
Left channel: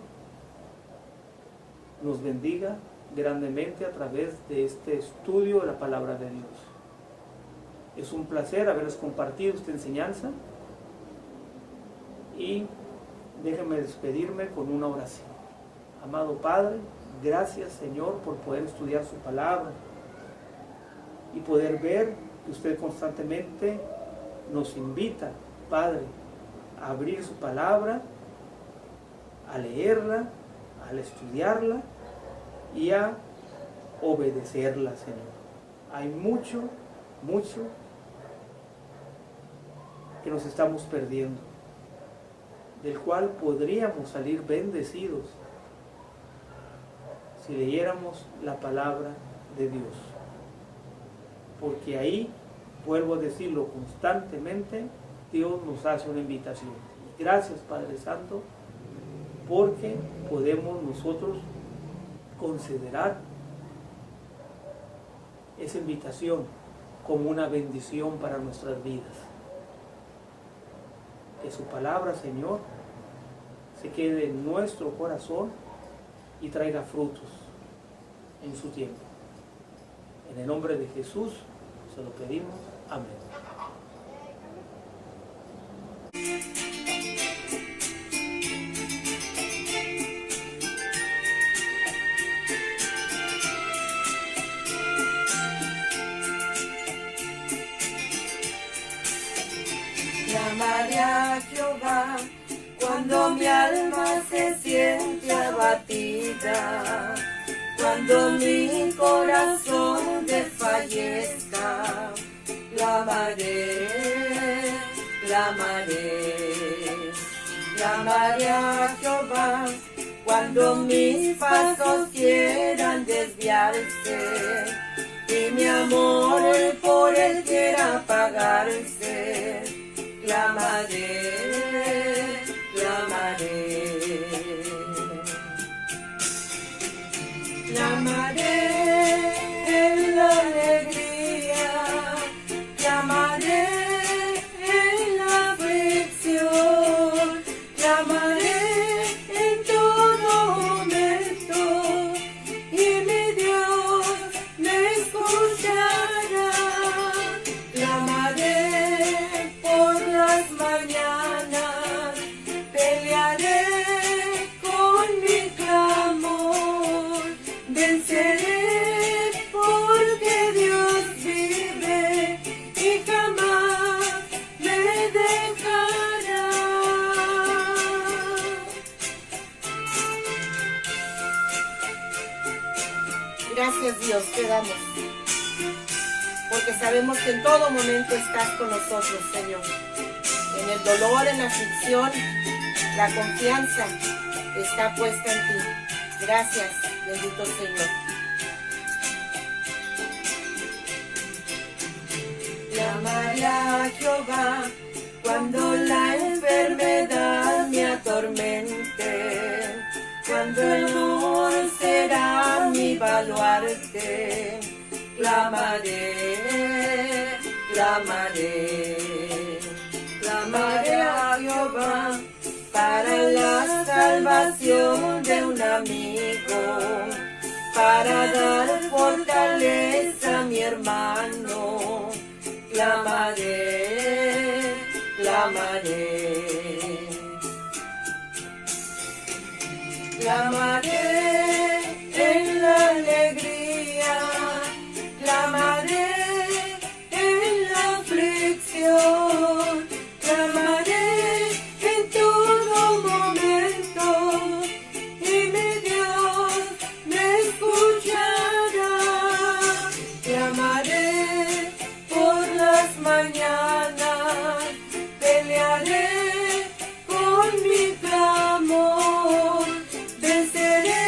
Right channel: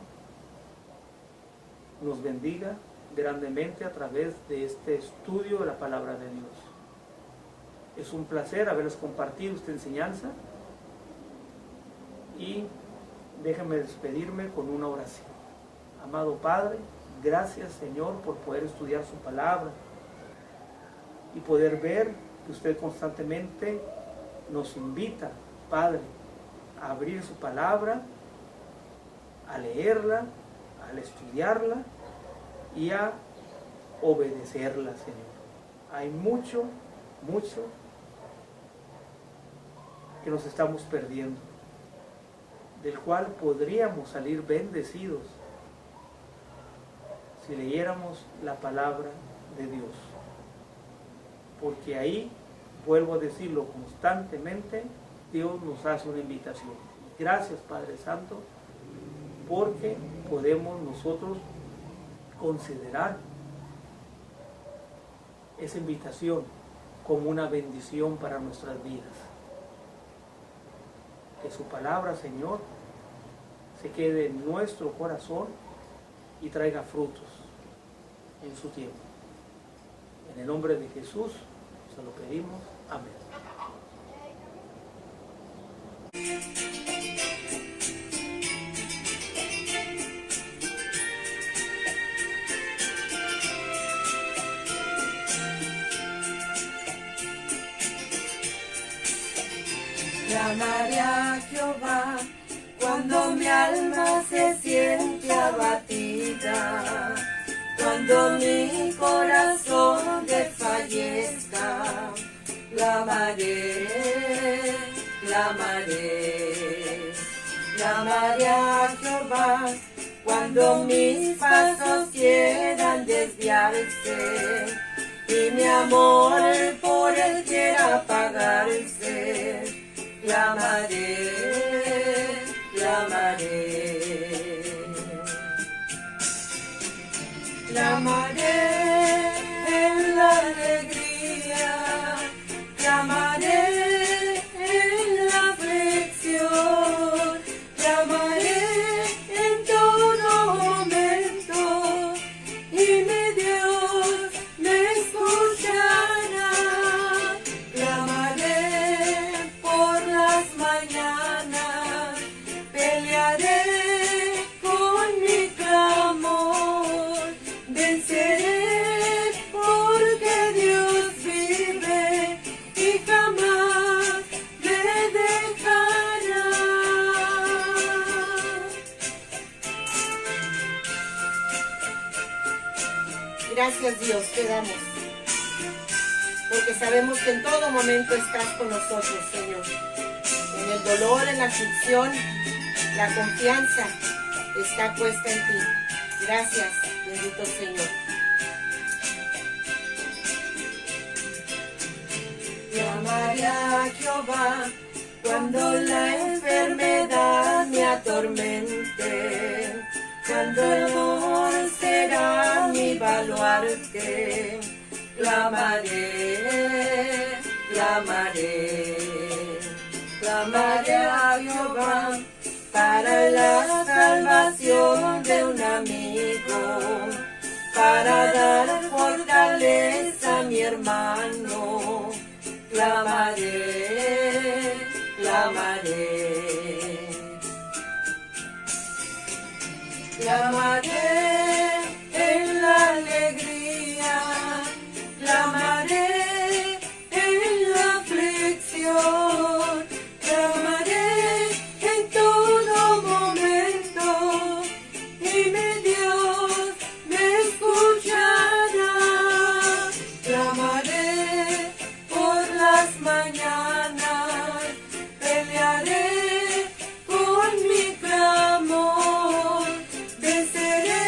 nos bendiga grandemente a través de este estudio de la palabra de Dios. Es un placer haberles compartido esta enseñanza, y déjenme despedirme con una oración. Amado Padre, gracias, Señor, por poder estudiar su palabra y poder ver que usted constantemente nos invita, Padre, a abrir su palabra, a leerla, a estudiarla y a obedecerla, Señor. Hay mucho que nos estamos perdiendo, del cual podríamos salir bendecidos si leyéramos la palabra de Dios. Porque ahí, vuelvo a decirlo constantemente, Dios nos hace una invitación. Gracias, Padre Santo, porque podemos nosotros considerar esa invitación como una bendición para nuestras vidas. Que su palabra, Señor, se quede en nuestro corazón y traiga frutos en su tiempo. En el nombre de Jesús se lo pedimos. Amén. Clamaré a Jehová cuando mi alma se siente abatida, cuando mi corazón desfallezca. clamaré, clamaré, clamaré a Jehová cuando mis pasos quieran desviarse y mi amor por él quiera apagarse. Clamaré, clamaré, clamaré en la alegría, clamaré en la aflicción, clamaré en todo momento y mi Dios me escuchará. Clamaré por las mañanas, pelearé con mi clamor, venceré porque Dios vive y jamás me dejará. Gracias Dios, te damos, porque sabemos que en todo momento estás con nosotros, Señor. En el dolor, en la aflicción, la confianza está puesta en ti. Gracias, bendito Señor. Clamaré a Jehová cuando la enfermedad me atormente, cuando el amor será mi baluarte. Clamaré, clamaré, clamaré a Jehová para la salvación de un amigo, para dar fortaleza a mi hermano. Clamaré, clamaré, clamaré en la alegría, clamaré en la aflicción, clamaré en todo momento y mi Dios me escuchará. Clamaré por las mañanas, pelearé con mi clamor, venceré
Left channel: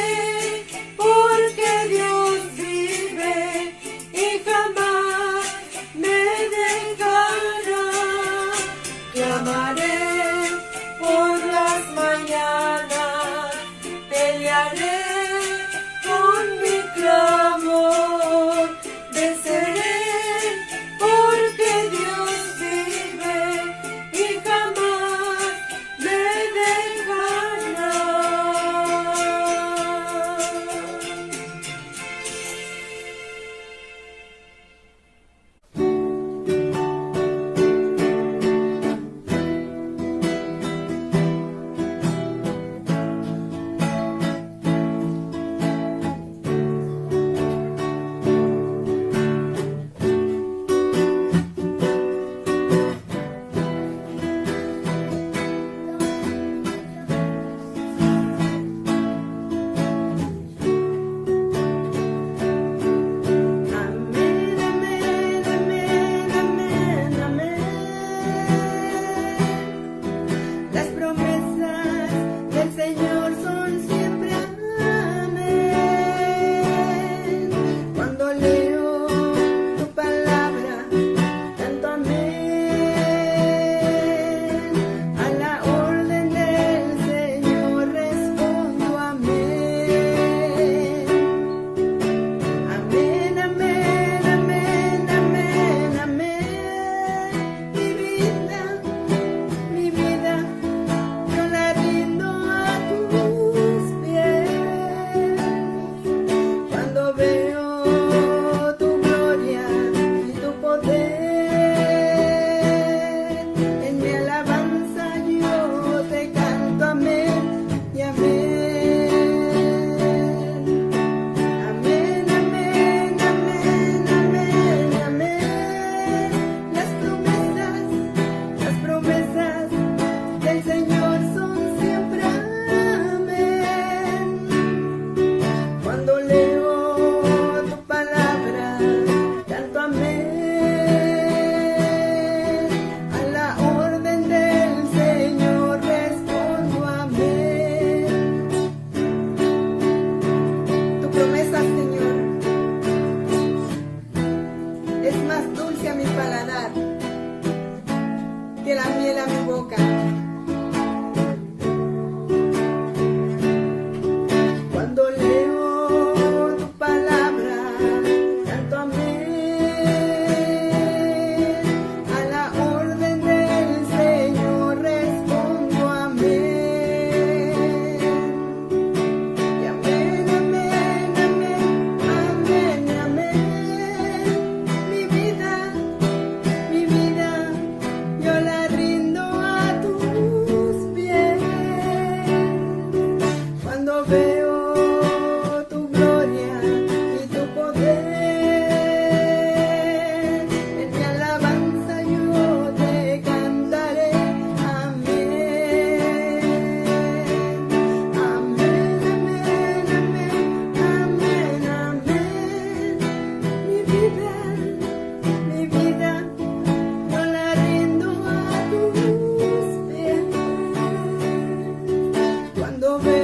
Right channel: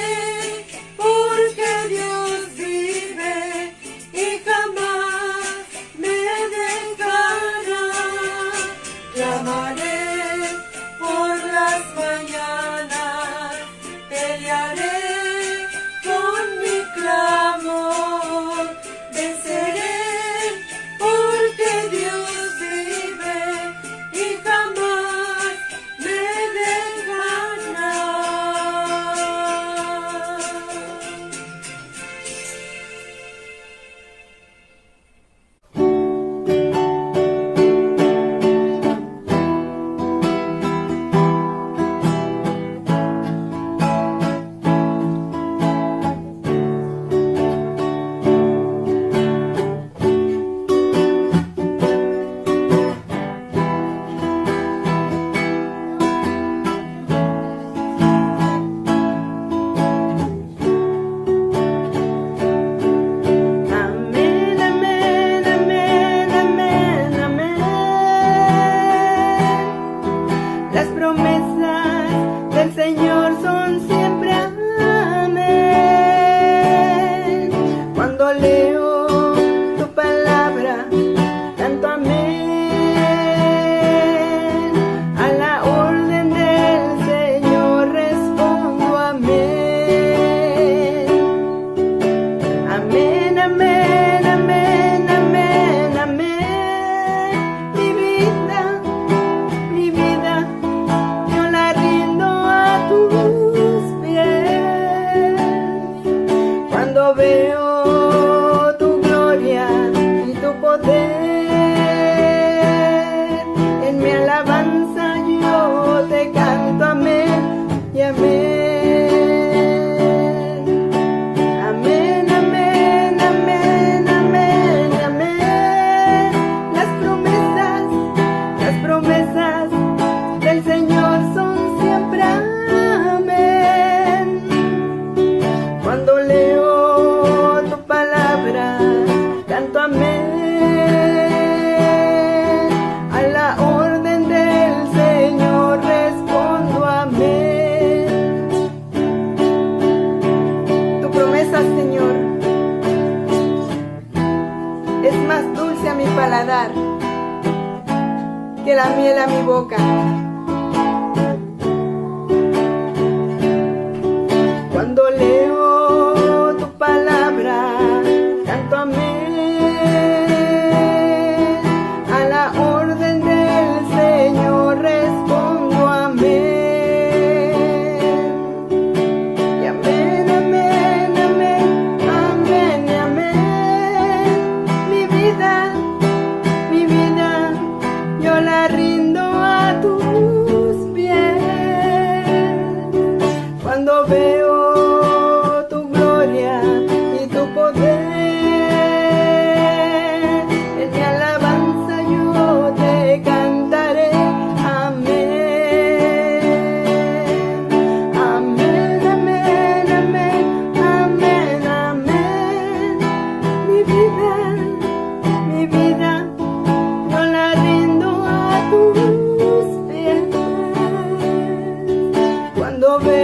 lo veo.